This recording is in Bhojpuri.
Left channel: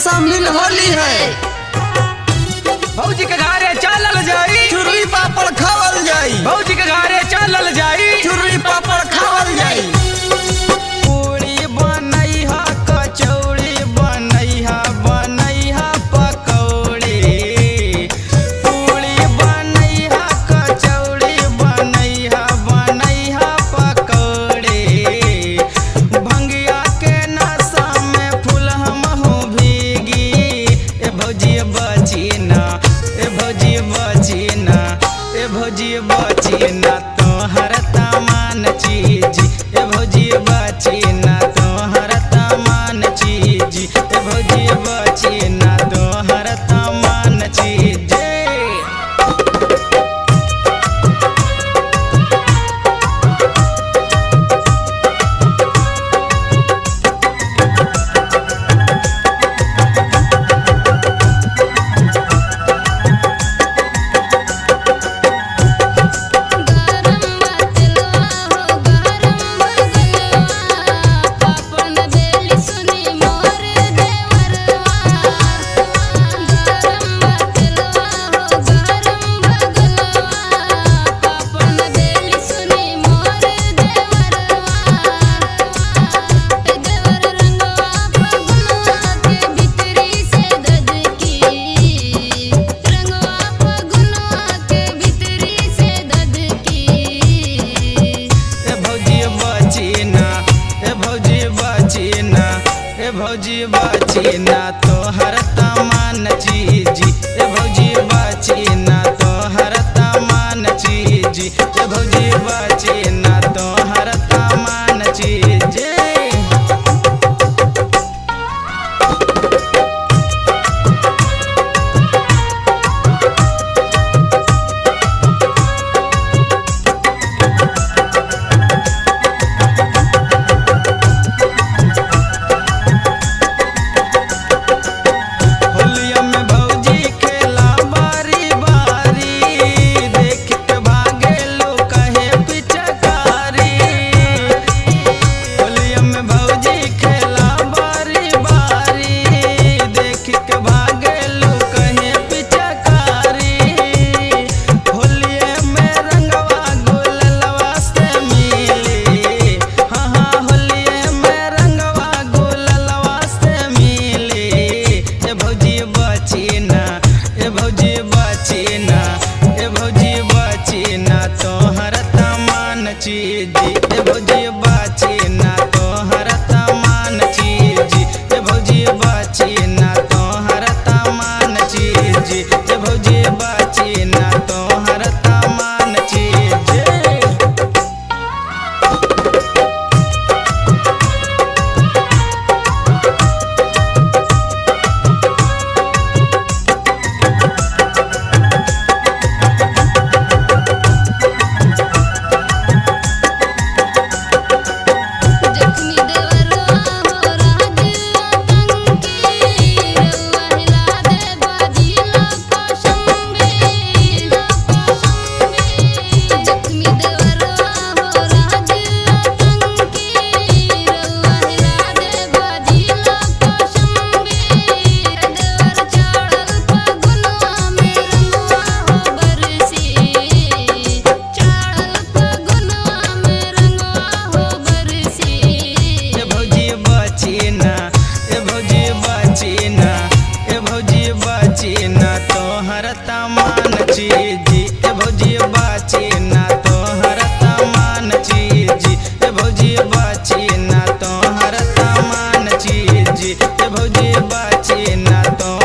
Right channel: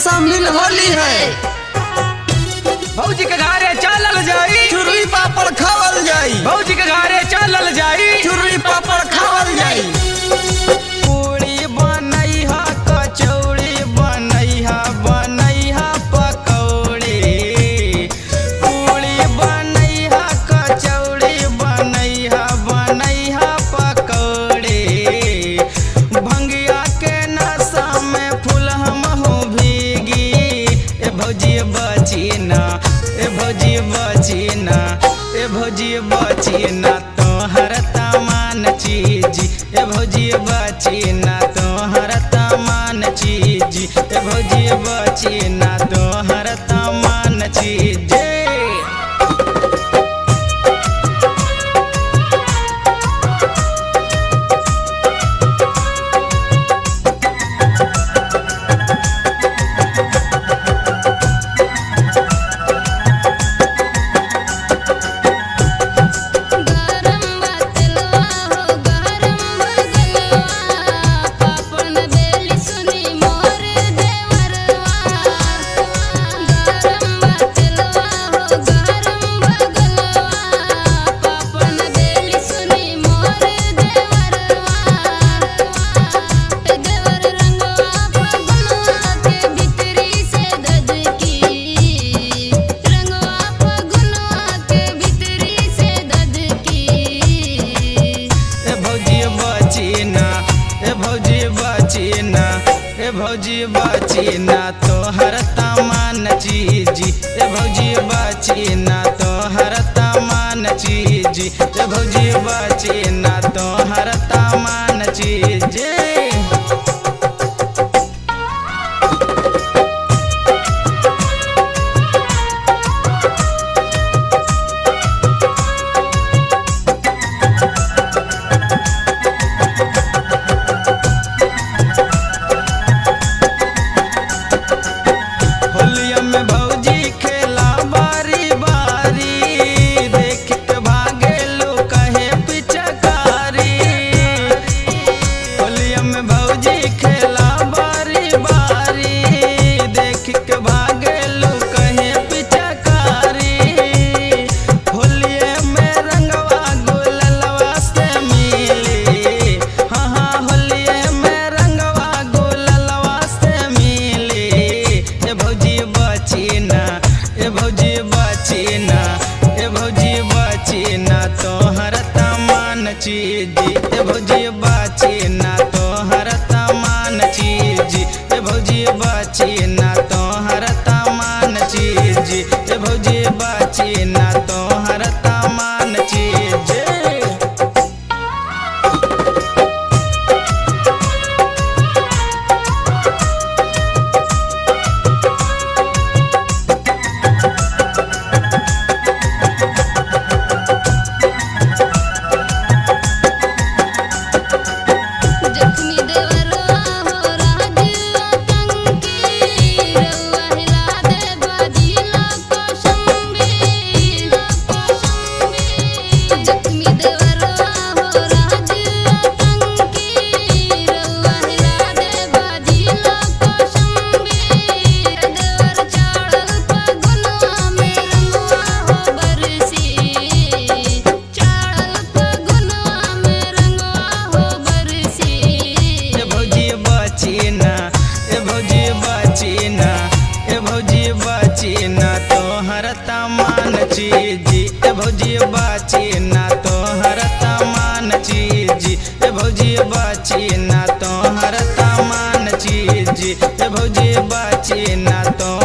शामिल होली है। भौजी के घरे चलल जाई, चुर्री पापड़ खावल जाई। भौजी के घरे चलल जाई, चुर्री पापड़ खावल जाई। पूरी बनैहा, कचौड़ी बनैहा, बनैहा पकौड़ी। पूरी बनैहा, कचौड़ी बनैहा, बनैहा पकौड़ी। भंगिया के नशा में फूल हमहू भीगी। ए भौजी बचीना, ए भौजी बचीना, ए भौजी बचीना तोहर तमान चीज। ए भौजी बचीना तोहर तमान चीज। ए भौजी बचीना तोहर तमान चीज। ए भौजी बचीना तोहर तमान चीज। ए भौजी बचीना तोहर तमान चीज। ए भौजी बचीना तोहर तमान चीज। तोहर तमान चीज। ए भौजी बचीना तोहर तमान चीज। ए भौजी बचीना तोहर तमान चीज। ए भौजी बचीना तोहर तमान चीज। बचीना तोहर तमान चीज। ए भौजी बचीना तोहर तमान चीज। ए भौजी बचीना तोहर तमान चीज। ए भौजी बचीना तो